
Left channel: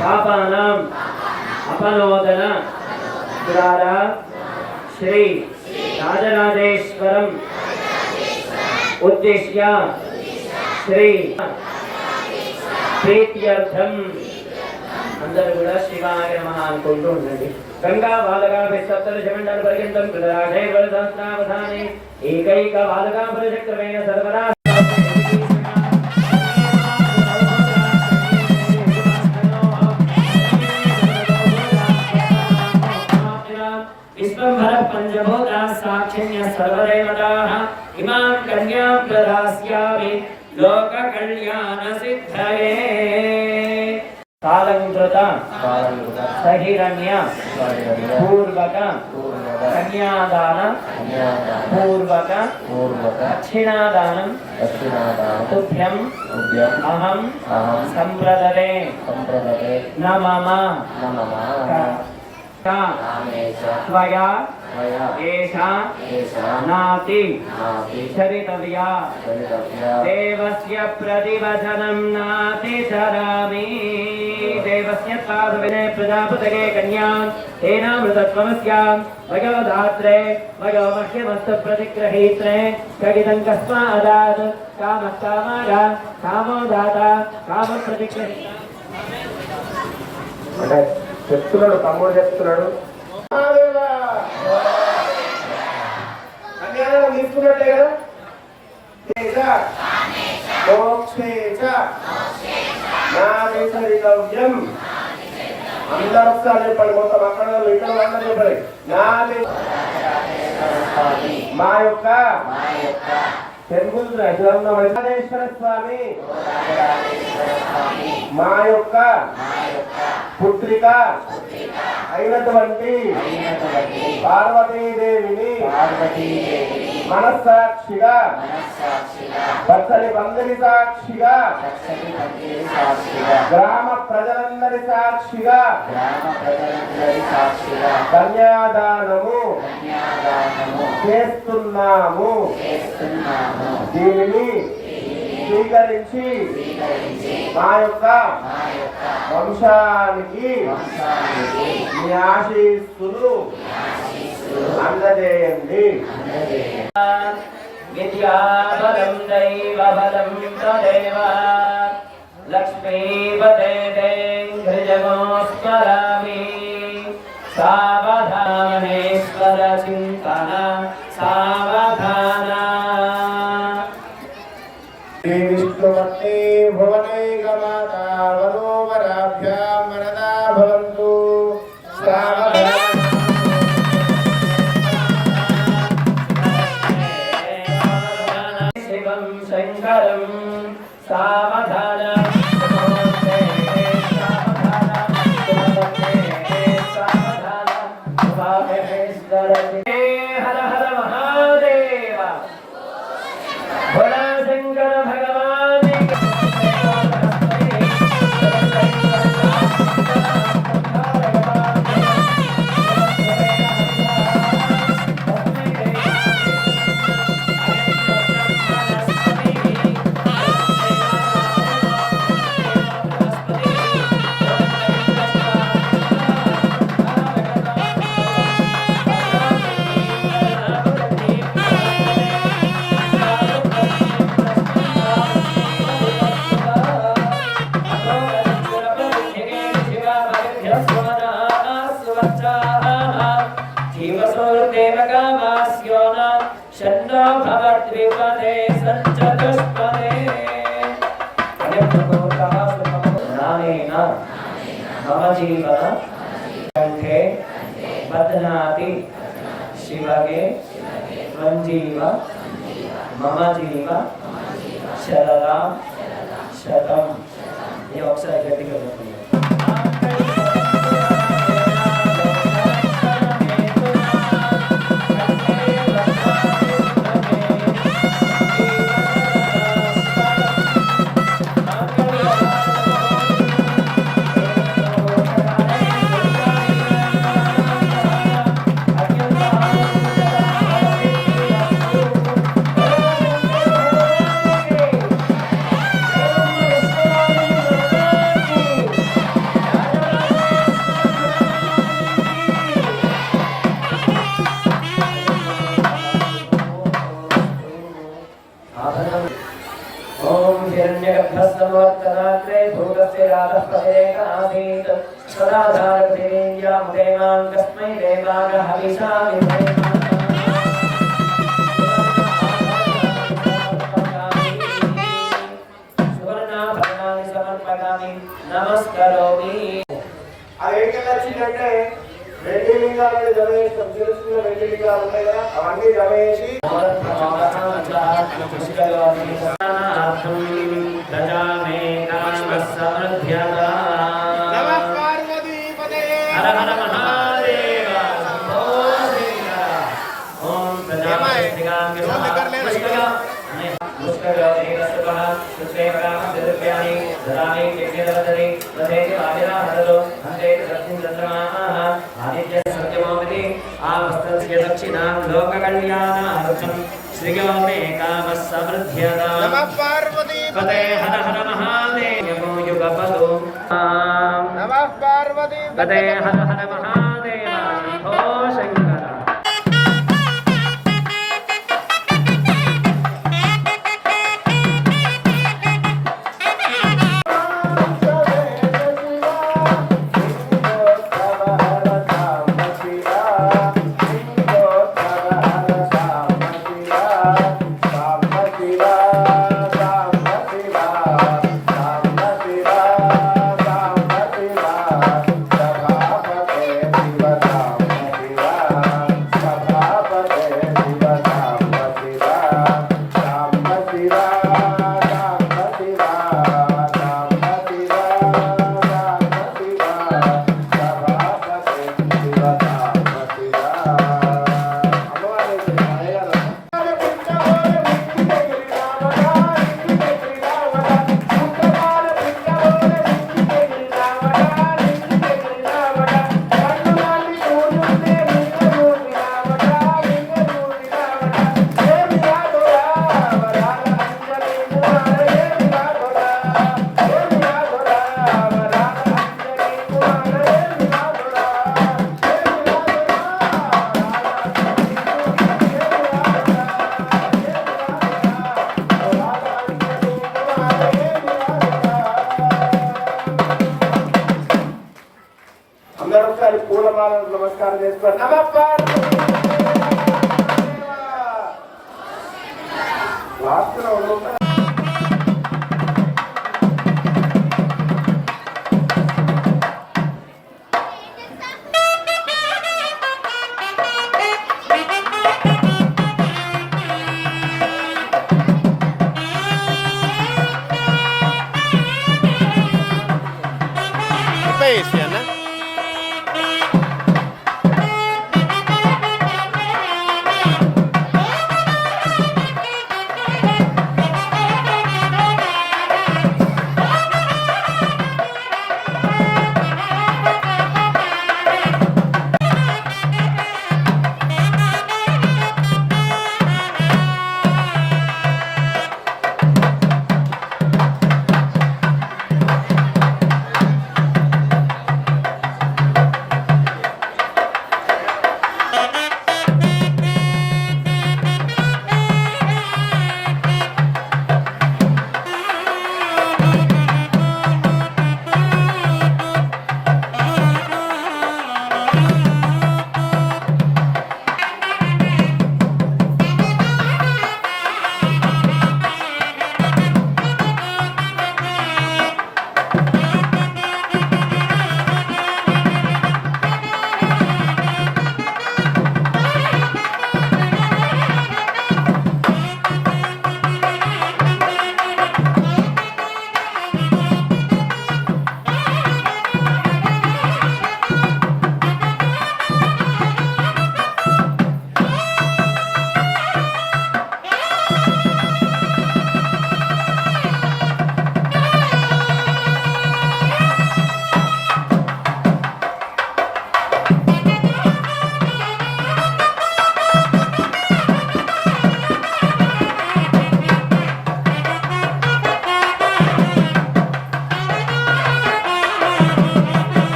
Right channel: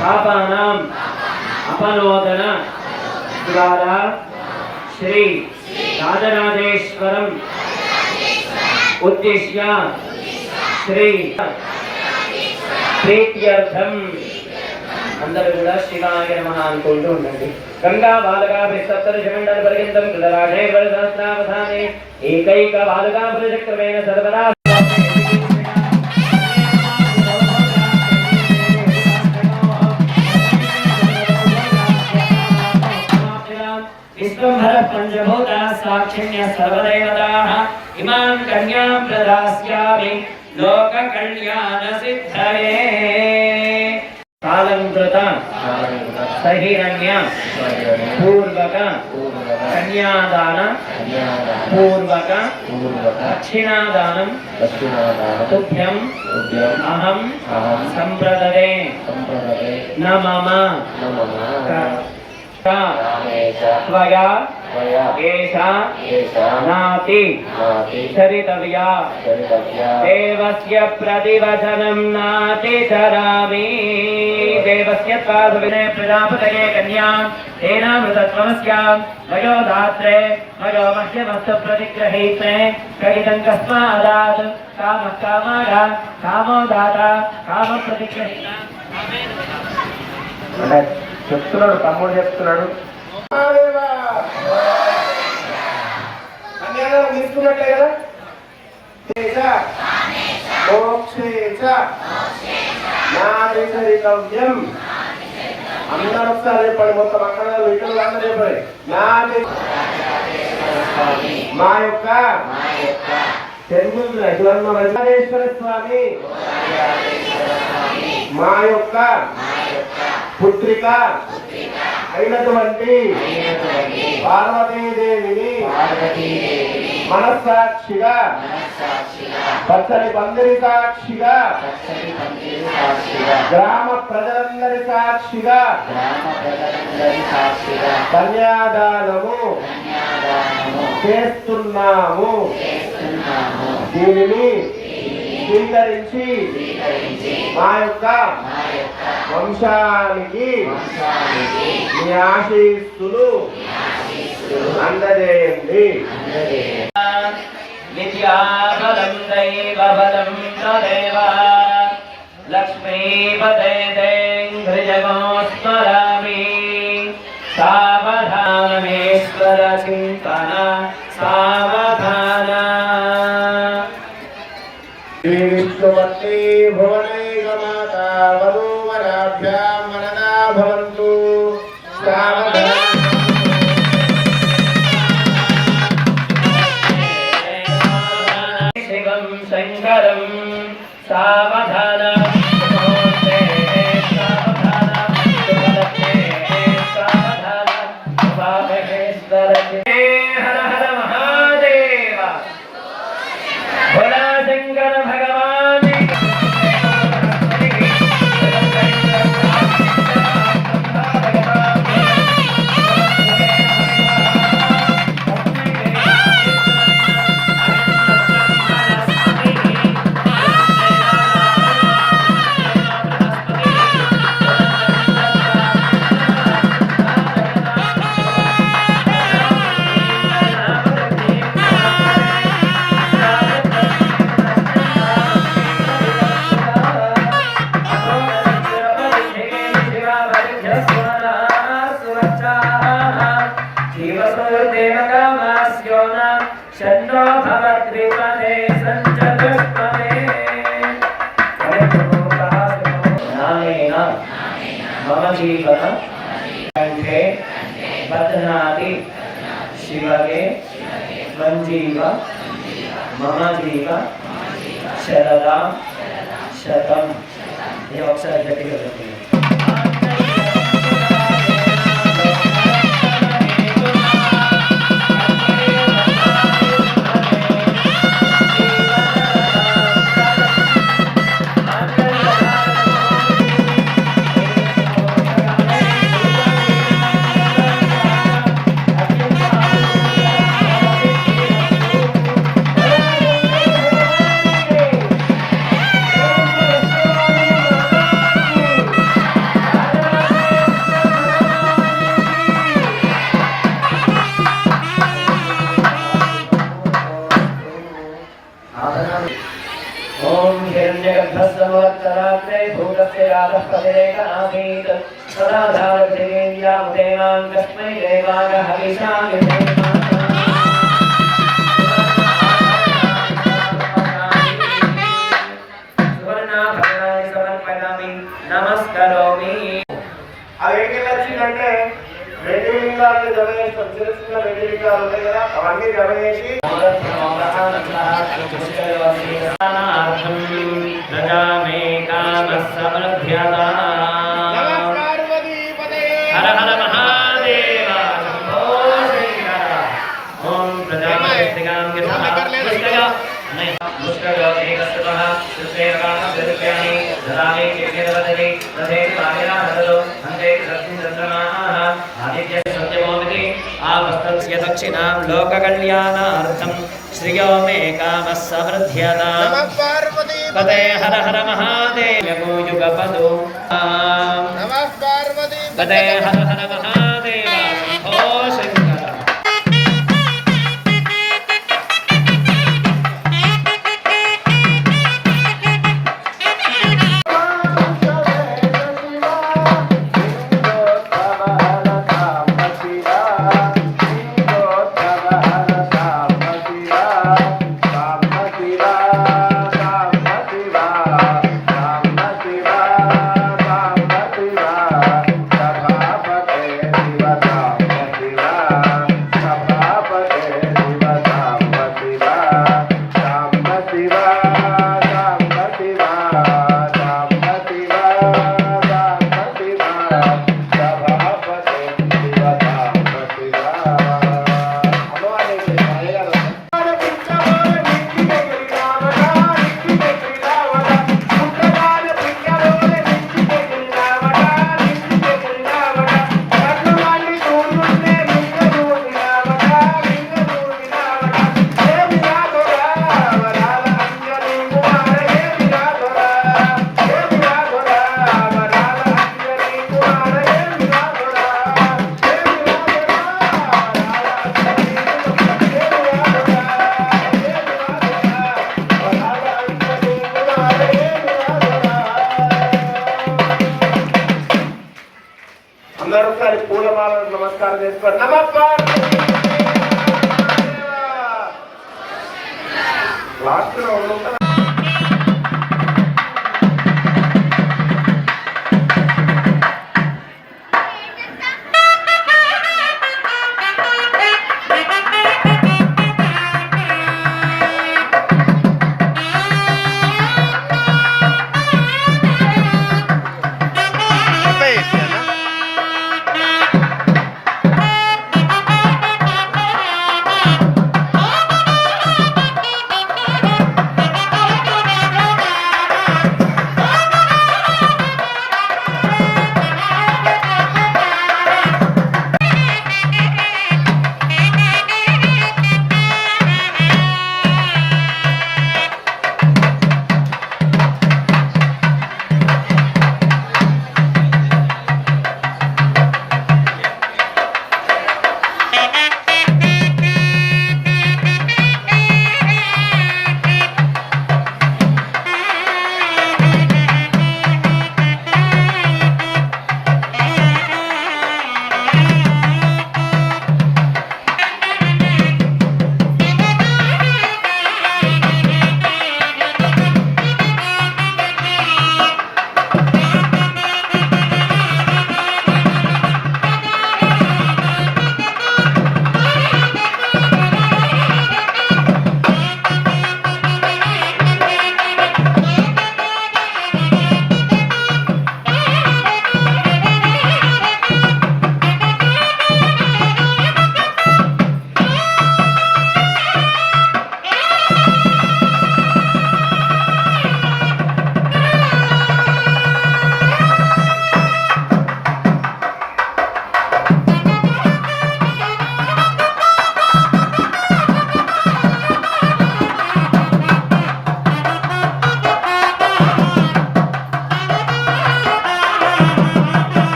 पापानां अपनोदन द्वारा श्री राजराजेश्वरं उद्दिश्य श्री प्रीत्यर्थं అందరూ కూడా శివాయ నమః అనుకుంటూ ఉండండి. గంగా బాలగా సప్తదశమండల పర్యంతం కృతరాజే సహస్రావధానే ఏకైక బాలగా ప్రజక్రమేణ సర్వదా विश्वंभर पंचभूता साक्षिण्य सर्वदेवताः इमां कन्यां प्रदास्यामि लोक कल्याण सिद्धये कालंकृत सहिरण्य पूर्वक कन्यादान पूर्वक दक्षिणादानं तुभ्यं अहं संप्रददे न मम त्वया एषा नाति चरितव्या देवस्य प्रतिवचनं नातिचरामि देवस्य पादविने प्रजापतये कन्यां तेनामृतत्वमस्यां भगो धात्रे भगो मह्यमस्तु प्रतिग्रहीत्रे कगितं कस्मादात् कामः कामागा कामो दाता काम प्रतिग्रहीता చెప్తున్నాడు, తమ్ముడు చెప్తున్నాడు. కన్యాదానం తీసుకున్నట్లే కదా. నాగరికవ్యం అందరూ ఒకసారి చెప్పండి. మొత్తం అక్కడ ఇక్కడ చెప్పండి. మా యొక్క తెలుగు వెంకటేశ్వర స్వామి మా యొక్క పుత్రిక అయినటువంటి పార్వతీదేవిని మనస్సాక్షిగా పచ్చని పందిరి సాక్షిగా గ్రామ ప్రజలందరి సాక్షిగా కన్యాదానము చేస్తున్నాము. దీనిని స్వీకరించి మా యొక్క వంశానికి మీ ఆశీస్సులు అందజేయండి. విద్యాబలం దైవబలం తదేవ లక్ష్మీపదే దేంద్రియమోస్మరామి సావధానేశ్వర చింతన సావధాన. శ్రీ విష్ణుమూర్తి భువనైకమాతా వధూవరాభ్యాం వరదా భవంతు. శివం శంకరం సావధాన హర హర మహాదేవ భోలా శంకర భగవాన్ షण्णो भवद्विपदे सञ्चतुष्पदे नामेन मम जीवन कंठे बध्नाति शिवगे मञ्जीव मम जीव शरदां शतं. ये अक्षर जटिल होते हैं. ओम हिरण्यगर्भस्वोत्तराग्रे भूतस्य यादः पदेकनासीत् सदाधारपतिवेन्द्यामुदेनां तस्मै देवाय हविषा सुवर्णाभरणानि समर्पयामि नमस्करोमि. అదేంటి వచ్చిందంటే వెండి లింగాలను జమ చేస్తాం. చిన్న చిన్న వెండి లింగాలు ఉంటాయి కదా, అవన్నీ జమ చేసి హర హర మహాదేవ. ఓం दक्षिणां लोककल्याणार्थं श्रियो मे कामः समृद्ध्यताम्. नमः पार्वती पते हर हर महादेव युगपदो. नमः पार्वती पते हर हर महादेव शंभो शंकर. Bye. పూలమాలను నమస్కారం చేసుకోండి. నమస్కారం. లాస్ట్ లో ఉంటా.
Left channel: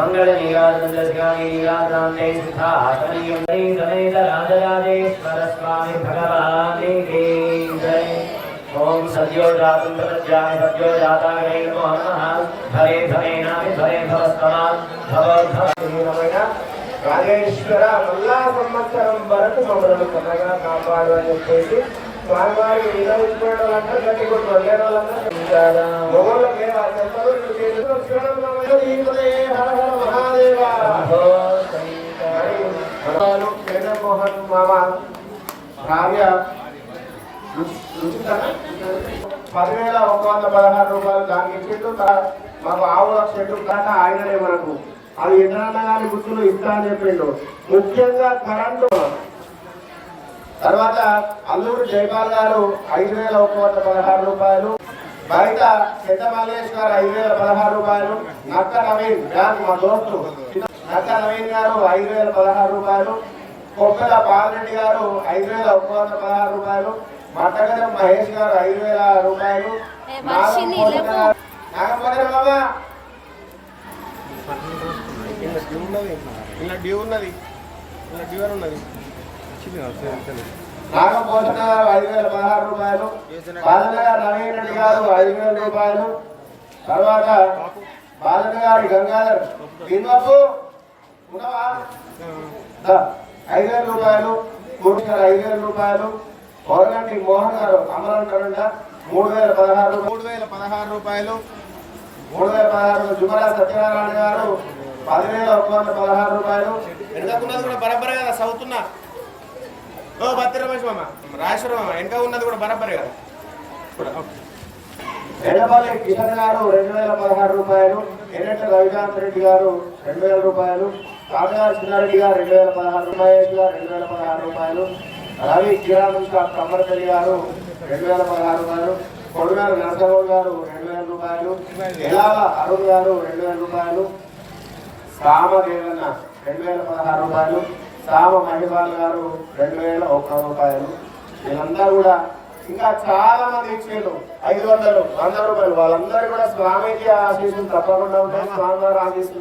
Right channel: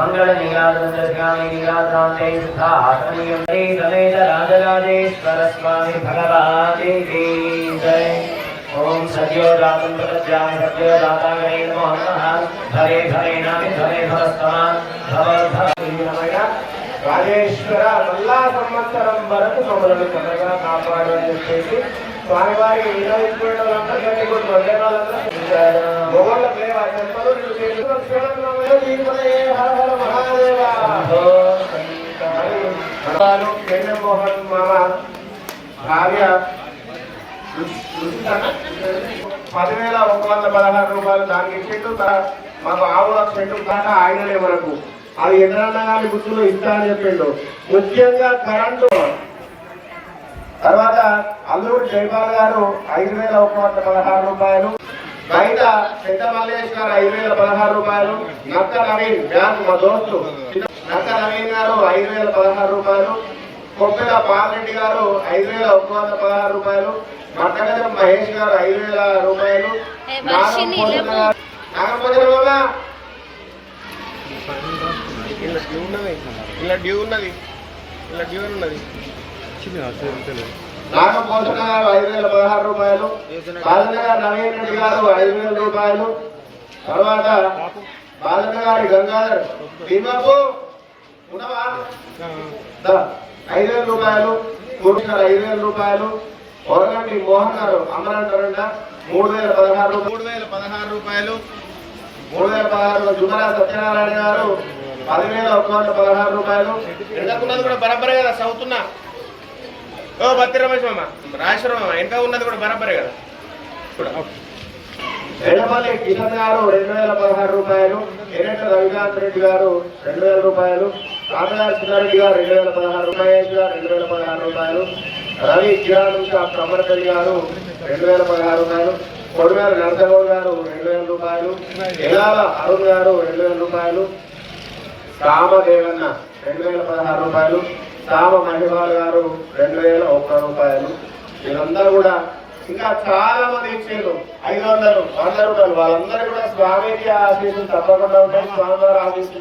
मंगलनीयाद्रव्यामीनीयाद्रान्ते सुखासनीयं समेत राजराजेश्वर स्वामी भगवान् की जय। ओम सद्यो जातं प्रपद्याय सद्यो जाताय नमः। धरे धरे नमः धरे धरस्तमा भव రాజేశ్వర మళ్ళా సంవత్సరం వరకు మమ్మల్ని చక్కగా కాపాడు అని చెప్పేసి స్వామివారికి వినవించుకోవడం గట్టి మొగోళ్ళకే ఆ చెంతలు చంద్రమోహన్ మామ భార్య 10,116 రూపాయలు దానికి చెట్టు మాకు ఆవులకు చెట్టు దాకా ఆయననే మనకు అది ఎన్నన్నా కానీ గుర్తులు ఇస్తా అని చెప్పిండు. ముఖ్యంగా కరెంటు తర్వాత అల్లూరు జైపాల్ గారు 5,116 రూపాయలు, బయట పెద్ద మల్లేష్ గారు 5,016 రూపాయలు, నక్క నవీన్ బ్యాంక్ మా దోస్తు నక్క నవీన్ గారు 5,016 రూపాయలు, కొత్తగా పాలరెడ్డి గారు 5,116 రూపాయలు, మట్టగజం మహేష్ గారు 5,000 రూపాయలు, నాగపల్లి ఇలా డ్యూ ఉన్నది ఇలా డ్యూ అని ఉన్నది నాగభూషణ గారు 5,016 రూపాయలు, బాలనగర్ నవీన్ రెడ్డి గారు 5,000 రూపాయలు, తర్వాత బాలనగారి గంగాధర్ దీదాపు 5,000 రూపాయలు, గుడికర్ 5,000 రూపాయలు, ఓరగంటి మోహన్ గారు అమరంటారంట 3,016 రూపాయలు, 3,016 జుమరా సత్యనారాయణ గారు 10,116 రూపాయలు. వెనకకున్నది కూడా బరాబరే కదా చదువుతున్నా. ఓ బత్తి రమేష్ మామ రాజేశ్వర మామ వెనక ఉన్నది కూడా బరాబరే కదా. ఎడపల్లి కిషన్ గారు 2,016 రూపాయలు, ఎర్రెడ్డి రవికాంత్ రెడ్డి గారు 2,000 రూపాయలు, కామరాజ్ చిన్నారెడ్డి గారు 2,016 రూపాయలు, 2,016 రూపాయలు, రవి కిరాణం షాప్ కమ్మరపల్లి గారు 2,016 రూపాయలు, కొడుగారు నరసగౌడ్ గారు 2,000 రూపాయలు, ఎలాల అరుణ్ గారు 2,000 రూపాయలు, సామదేవన్న 2,016 రూపాయలు, సామ మహిళ గారు 2,001 రూపాయలు. వీళ్ళంతా కూడా ఇంకా చాలా మంది ఇచ్చేరు 500, 100 రూపాయలు. వాళ్ళందరూ కూడా స్వామికి ఆశీస్సులు తప్పకుండా ఉంటాయి. స్వామివారి ఆశీస్సులు